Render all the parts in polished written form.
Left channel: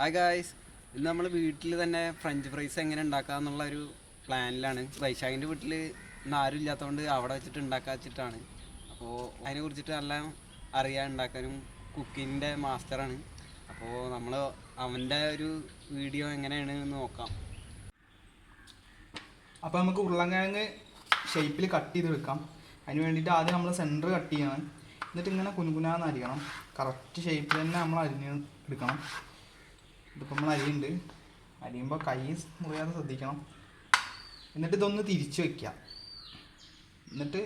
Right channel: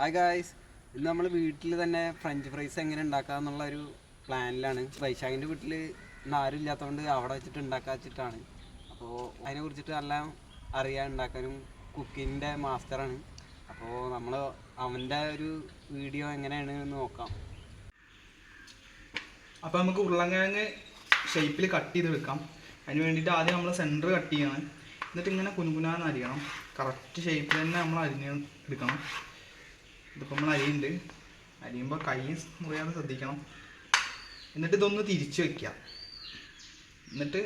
Hi guys, ഇന്ന് നമ്മൾ വീട്ടിൽ തന്നെ ഫ്രഞ്ച് ഫ്രൈസ് എങ്ങനെ ഉണ്ടാക്കാമെന്നുള്ള ഒരു പ്ലാനിലാണ്. വൈശാഖിൻ്റെ വീട്ടിൽ ഇന്ന് ആരും ഇല്ലാത്തതുകൊണ്ട് അവിടെ വെച്ചിട്ട് ഉണ്ടാക്കാൻ വെച്ചിട്ടാണ്. അപ്പോൾ അതിനെ കുറിച്ചിട്ട് എല്ലാം അറിയാൻ ഉണ്ടാക്കാനും കുക്കിങ്ങിൻ്റെ മാസ്റ്ററാണ്. അപ്പോൾ നമ്മൾ അവൻ്റെ ഒരു വീഡിയോ എങ്ങനെയാണ് എന്ന് നോക്കാം. അപ്പോൾ നമുക്ക് ഉരുളൻകിഴങ്ങ് ഷേപ്പിൽ കട്ട് ചെയ്ത് വെക്കാം. അതിന് വേണ്ടിയിട്ട് ആദ്യം നമ്മൾ സെൻറ്റർ കട്ട് ചെയ്യണം. എന്നിട്ട് ഇങ്ങനെ കുനുകുനാന്ന് അരിയണം. കറക്റ്റ് ഷേപ്പിൽ തന്നെ നമ്മൾ അരിഞ്ഞ് എടുക്കണം. ഇതിപ്പോൾ നമ്മൾ അരിയുണ്ട്. അരിയുമ്പോൾ കൈ മുറിയാതെ ശ്രദ്ധിക്കണം. എന്നിട്ട് ഇതൊന്ന് തിരിച്ച് വയ്ക്കുക. എന്നിട്ട്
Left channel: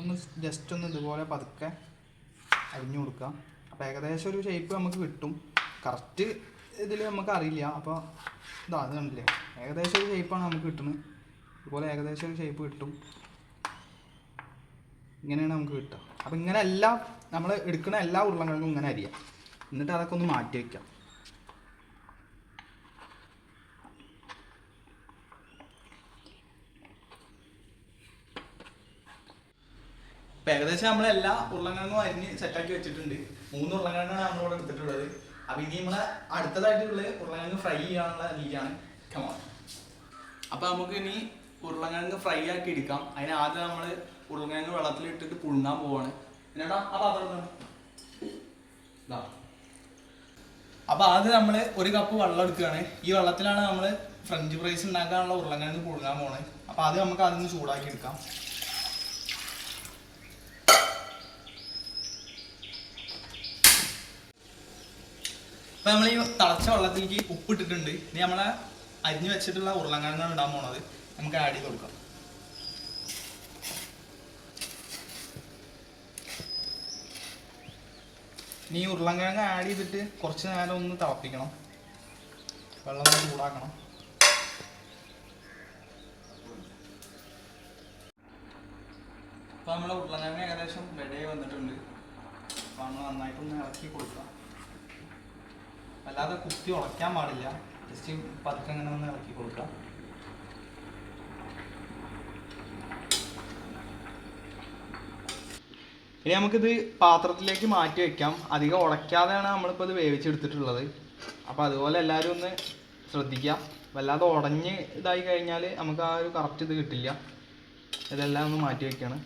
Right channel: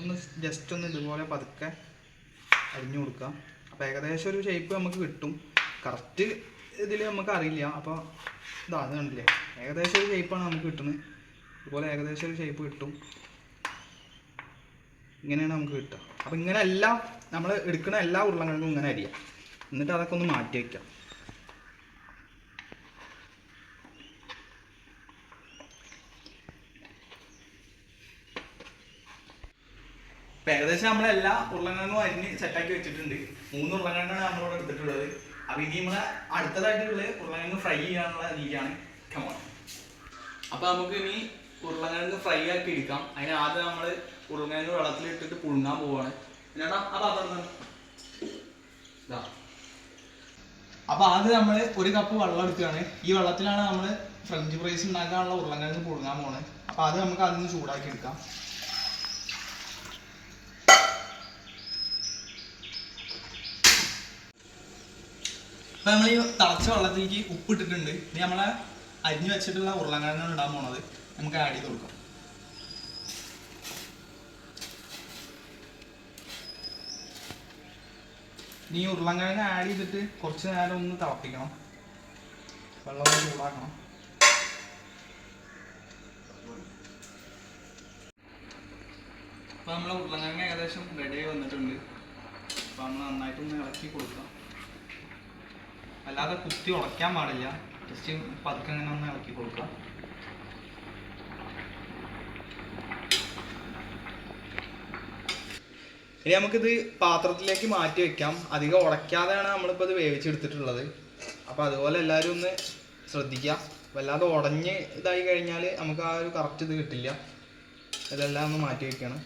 ഒന്ന് ജസ്റ്റ് ഒന്ന് ഇതുപോലെ പതുക്കെ അരിഞ്ഞു കൊടുക്കുക. അപ്പോൾ ഏകദേശം ഒരു ഷേപ്പ് നമുക്ക് കിട്ടും. കറക്റ്റ് ഇതിൽ നമുക്ക് അറിയില്ല. അപ്പോൾ അത് കണ്ടില്ലേ, ഏകദേശം ഒരു ഷേപ്പാണ് നമുക്ക് കിട്ടുന്നത്. ഇതുപോലെ ഏകദേശം ഒരു ഷേപ്പ് കിട്ടും. ഇങ്ങനെയാണ് നമുക്ക് കിട്ടുക. അപ്പോൾ ഇങ്ങനെ എല്ലാം നമ്മൾ എടുക്കുന്ന എല്ലാ ഉരുളക്കിഴങ്ങും ഇങ്ങനെ അരിയാം. എന്നിട്ട് അതൊക്കെ ഒന്ന് മാറ്റി വയ്ക്കാം. അപ്പോൾ ഏകദേശം നമ്മളെല്ലാ ഉരുളക്കിഴങ്ങും അരിഞ്ഞ് സെറ്റാക്കി വെച്ചിട്ടുണ്ട്. 3 ഉരുളക്കിഴങ്ങാണ് നമ്മളിവിടെ എടുത്തിട്ടുള്ളത്. അപ്പോൾ ഇനി നമ്മളെ അടുത്തതായിട്ടുള്ള ഉരുളക്കിഴങ്ങ് ഫ്രൈ ചെയ്യാനുള്ള രീതിയാണ്. കമോൺ. അപ്പോൾ നമുക്ക് ഇനി ഉരുളക്കിഴങ്ങ് ഫ്രൈ ആക്കി എടുക്കാം. അതിന് ആദ്യം നമ്മൾ ഉരുളക്കിഴങ്ങ് വെള്ളത്തിലിട്ടിട്ട് പുഴുങ്ങാൻ പോവാണ്. എന്നാ അപ്പോൾ ആദ്യം നമ്മൾ 1 കപ്പ് വെള്ളം എടുക്കുകയാണ്. ഈ വെള്ളത്തിലാണ് നമ്മൾ ഫ്രഞ്ച് ഫ്രൈസ് ഉണ്ടാക്കാനുള്ള ഉരുളക്കിഴങ്ങ് പുഴുങ്ങാൻ പോകുന്നത്. അപ്പോൾ ആദ്യം നമുക്ക് അതിന് ചൂടാക്കി എടുക്കാം. അപ്പോൾ നമ്മൾ ഈ തിളച്ച വെള്ളത്തിലേക്ക് ഉപ്പിട്ടിട്ടുണ്ട്. ഇനി നമ്മളെ അരിഞ്ഞ് വെച്ചിട്ടുള്ള ഉരുളക്കിഴങ്ങാണ് ഇടാൻ പോണത്. നമുക്ക് ആഡ് ചെയ്ത് കൊടുക്കാം. ഇനി ഉരുളക്കിഴങ്ങ് ആഡ് ചെയ്തിട്ട് കുറച്ച് നേരം ഒന്ന് തിളപ്പിക്കണം. വെള്ളം ഒന്ന് ചൂടാക്കണം. അപ്പോൾ നമ്മളെ ഉരുളക്കിഴങ്ങ് ഏകദേശം റെഡി വന്നിട്ടുണ്ട്. അപ്പോൾ നമ്മൾ നന്നായിട്ടൊന്ന് ഇളക്കി കൊടുക്കാം. അല്ലാതെ കുത്തി ഉളയ്ക്കാൻ പാടില്ല. ജസ്റ്റ് പതുക്കെ അങ്ങനെ ഒന്ന് ഇളക്കി കൊടുക്കാം. ഇനി നമുക്കിത് പാത്രത്തിലേക്ക് മാറ്റി വയ്ക്കാം. അധികം ഉടയ്ക്കാതെയാണ് നമ്മളിപ്പോൾ ഇത് വേവിച്ചെടുത്തിട്ടുള്ളത്. അപ്പോൾ അതുപോലെ എല്ലാവരും ഒന്ന് ശ്രദ്ധിക്കുക. വല്ലാതെ ഉടഞ്ഞ് ഇതായി കഴിഞ്ഞാൽ നമുക്ക് ആ ഒരു കറക്റ്റ് ഇത് കിട്ടില്ല. ഇതെല്ലാം ഒന്ന് മാറ്റി വയ്ക്കണം.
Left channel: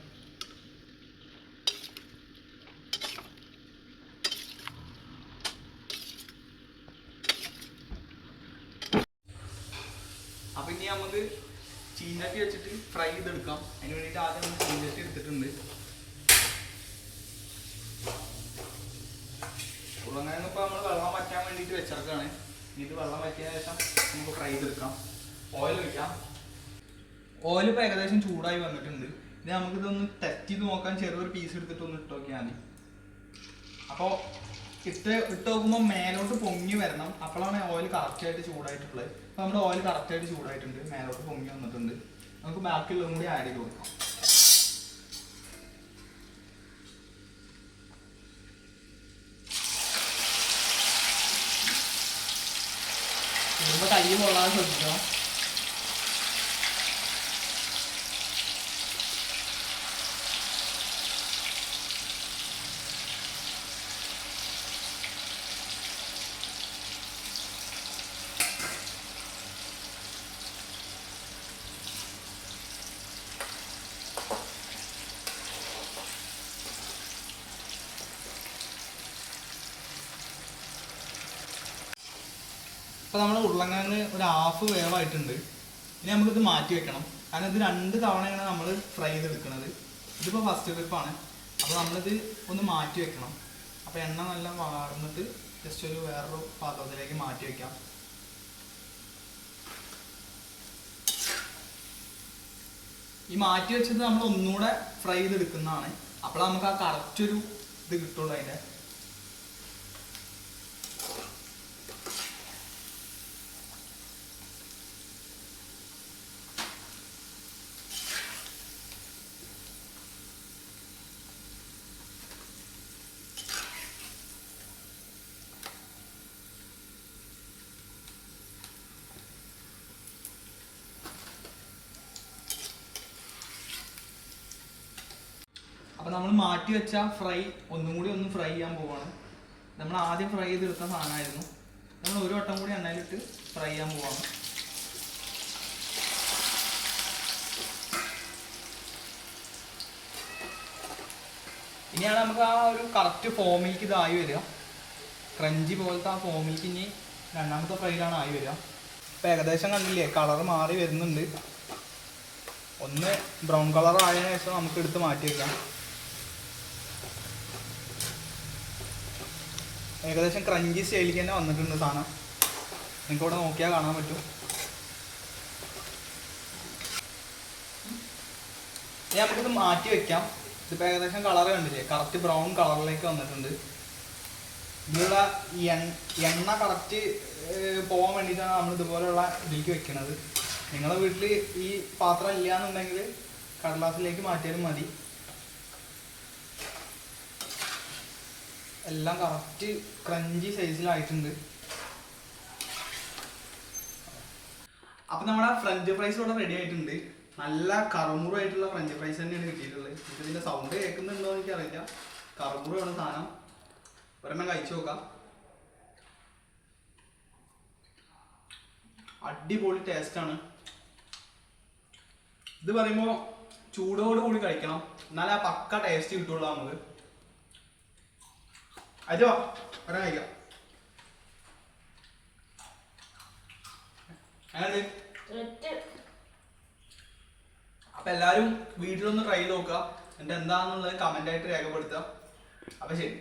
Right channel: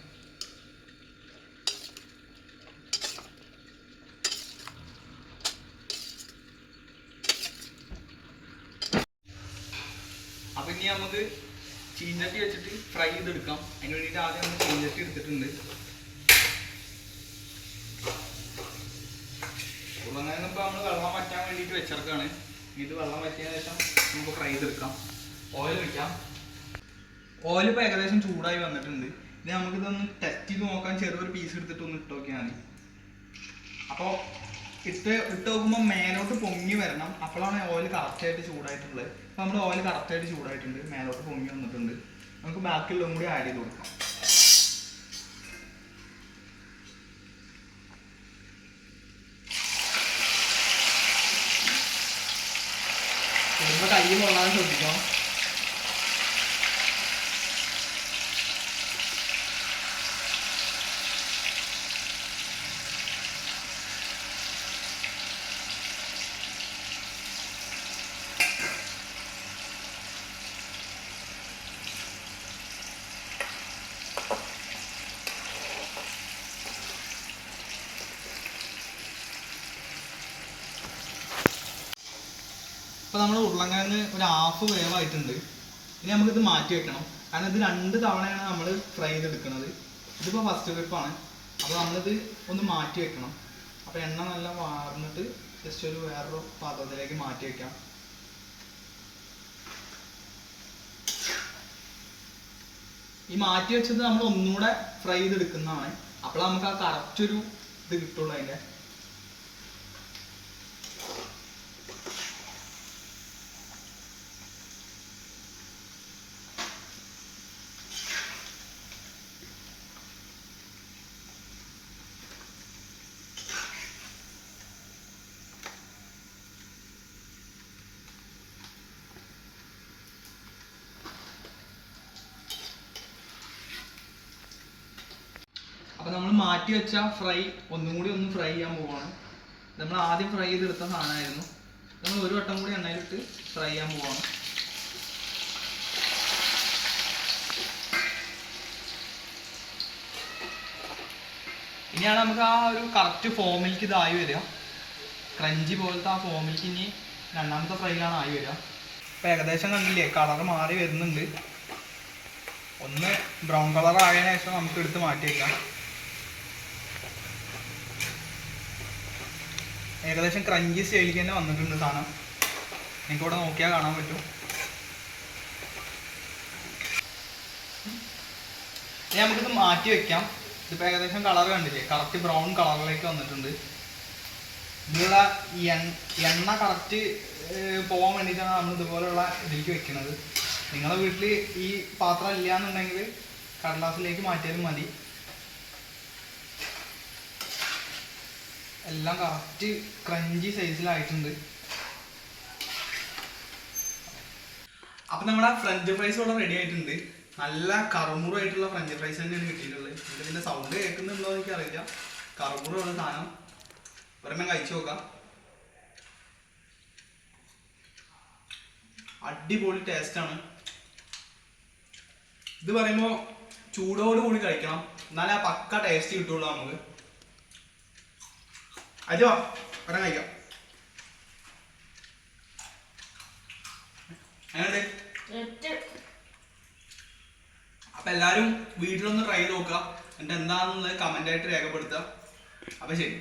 അപ്പോൾ ഇനി നമുക്ക് ചീഞ്ചട്ടി വെച്ചിട്ട് ഫ്രൈ ചെയ്തെടുക്കാം. അതിന് വേണ്ടിയിട്ട് ആദ്യം നമ്മൾ ചീഞ്ചട്ടി എടുത്തിട്ടുണ്ട്. ഉരുളക്കിഴങ്ങ് ഇപ്പോൾ നമ്മൾ വെള്ളം വറ്റാൻ വേണ്ടിയിട്ട് വെച്ചെടുക്കുകയാണ്. ഇത് വെള്ളം വറ്റിയ ശേഷം നമുക്ക് ഫ്രൈ ചെയ്തെടുക്കാം. ഓയിൽ വയ്ക്കാം. ഓയിൽ ഇപ്പോൾ ഏകദേശം ചൂടായി വന്നിട്ടുണ്ട്. ഇനി നമുക്കിതൊന്ന് ടെസ്റ്റ് ചെയ്ത് നോക്കാൻ ചെറിയൊരു പീസ് എടുത്തിട്ട് ഒന്ന് ഇട്ട് നോക്കിയാൽ മതി. അപ്പോൾ ഇട്ട് നോക്കുമ്പോൾ മേലോട്ട് പൊങ്ങി വരണം. അപ്പോഴാണ് ഓയിൽ കറക്റ്റായിട്ട് ചൂടായിട്ടുള്ളത്. അപ്പോൾ നമ്മുടെ ഓയിൽ കറക്റ്റായിട്ട് ചൂടായിട്ടുണ്ട്. മേലോട്ട് പൊങ്ങി വന്നിട്ടുണ്ട്. നമുക്ക് ബാക്കിയുള്ളതും കൂടി ആഡ് ചെയ്ത് കൊടുക്കാം. ഇടുമ്പോൾ കൈ കൊള്ളാൻ ശ്രദ്ധിക്കണം. അപ്പോൾ നമ്മൾ ഉരുളക്കിഴങ്ങ് ഒരു ഹാഫ് വേവായിട്ടുണ്ട്. ഇനി നമുക്കിത് മാറ്റി വെക്കണം. കാരണം ഇത് 2 തവണയാണ് നമ്മൾ ഫ്രൈ ചെയ്തെടുക്കുന്നത്. ഇതിപ്പോൾ ഫസ്റ്റ് ട്രിപ്പാണ്. അപ്പോൾ നമ്മളിത് ഒന്ന് മാറ്റി വെക്കണം. അപ്പോൾ എണ്ണ നല്ല വാർന്നിട്ട് ജസ്റ്റ് ഒരു വേറൊരു പാത്രത്തിലേക്ക് മാറ്റി വയ്ക്കാം. ഈ മാറ്റി വെച്ചത് നമ്മൾ ഒന്നുകൂടെ ഫ്രൈ ചെയ്തെടുക്കുന്നതാണ്. അപ്പോൾ നമുക്ക് ആ കറക്റ്റ് ഒരു ഇത് കിട്ടുള്ളൂ അതിൻ്റെ. അപ്പോൾ നമ്മൾ മാറ്റി വെച്ച ഫ്രൈ ഒന്നും കൂടി ഒന്ന് ഫ്രൈ ചെയ്യാൻ പോവാണ്. നമ്മൾ ആദ്യം ഫ്രൈ ചെയ്തെടുത്ത സാധനമായിരുന്നു. നമ്മൾ നമ്മൾ ഒരു വട്ടം കൂടി എണ്ണയിലിട്ട് ഫ്രൈ ചെയ്യാൻ പോവാണ്. ഇനിയാണ് നമുക്ക് ആ ഒരു കറക്റ്റ് ഫോമിലേക്ക് ഇതായി വരിക. ക്രഞ്ചി പോലത്തെ ആ ഫോമിലേക്ക് ഇനി രണ്ടാമത്തെ ഫ്രൈയിലാണ് ആയി വരിക. ഇപ്പം ഏകദേശം കണ്ടില്ലേ കളർ മാറി വരുന്നുണ്ട്. ഒന്ന് ബ്രൗൺ കളർ ആയതിനു ശേഷം നമുക്ക് എടുത്ത് മാറ്റി വയ്ക്കാം. ഏകദേശം ക്രഞ്ചി സ്റ്റൈലിലേക്ക് തന്നെ വന്നിട്ടുണ്ട് സാധനം. നിങ്ങൾക്ക് ഇവിടെ നോക്കിയാൽ കാണാൻ പറ്റും. ഇനി നമുക്കിത് മാറ്റി വെക്കാം. ഇതിപ്പോൾ ഏകദേശം കളർ കണ്ടില്ലേ, കറക്റ്റ് ബ്രൗൺ കളറിലേക്ക് വന്നിട്ടുണ്ട്. ഇതിലുള്ള എണ്ണ കറക്റ്റ് പോകാൻ വേണ്ടിയിട്ടാണ് നമ്മൾ ഇതുപോലെയുള്ള ഇതിലേക്ക് വെക്കുന്നത്. നിങ്ങളുടെ വീട്ടിൽ ഈ പാത്രം ഇല്ല എന്നുണ്ടെങ്കിൽ കടലാസിലേക്ക് മാറ്റിയാലും മതി. എല്ലാം കറക്റ്റ് ക്രഞ്ചി സൈസിലായിട്ടുണ്ട്. അപ്പം നമ്മുടെ ഫ്രഞ്ച് ഫ്രൈസ് ഇവിടെ റെഡി ആയിട്ടുണ്ട്. നല്ല കറുമുറായിട്ടുള്ള ഫ്രഞ്ച് ഫ്രൈസ് തന്നെയാണ് കിട്ടിയിട്ടുള്ളത്. ഇതിൻ്റെ സൗണ്ട് കേൾക്കുന്നുണ്ടോ എന്ന് എനിക്കറിയില്ല. കറുമുറാണ് സാധനം. ഒരെണ്ണം കഴിച്ചു നോക്കാം. അടിപൊളി ടേസ്റ്റാണ്. ഇത് പറയുമ്പോൾ ചൂടോട് കൂടി കഴിക്കണം, എന്നാലേ ആ പക്ക ടേസ്റ്റ് കിട്ടുള്ളൂ നമുക്ക്. അജോ ഒരെണ്ണം കഴിക്കാം. അങ്ങനെ അപ്പം എല്ലാവരും വീട്ടിലൊന്ന് ട്രൈ ചെയ്ത് നോക്കുക. എന്നിട്ട് എന്താണെന്നുള്ളത് കമൻ്റായിട്ട് രേഖപ്പെടുത്തുക. അപ്പം ശരി.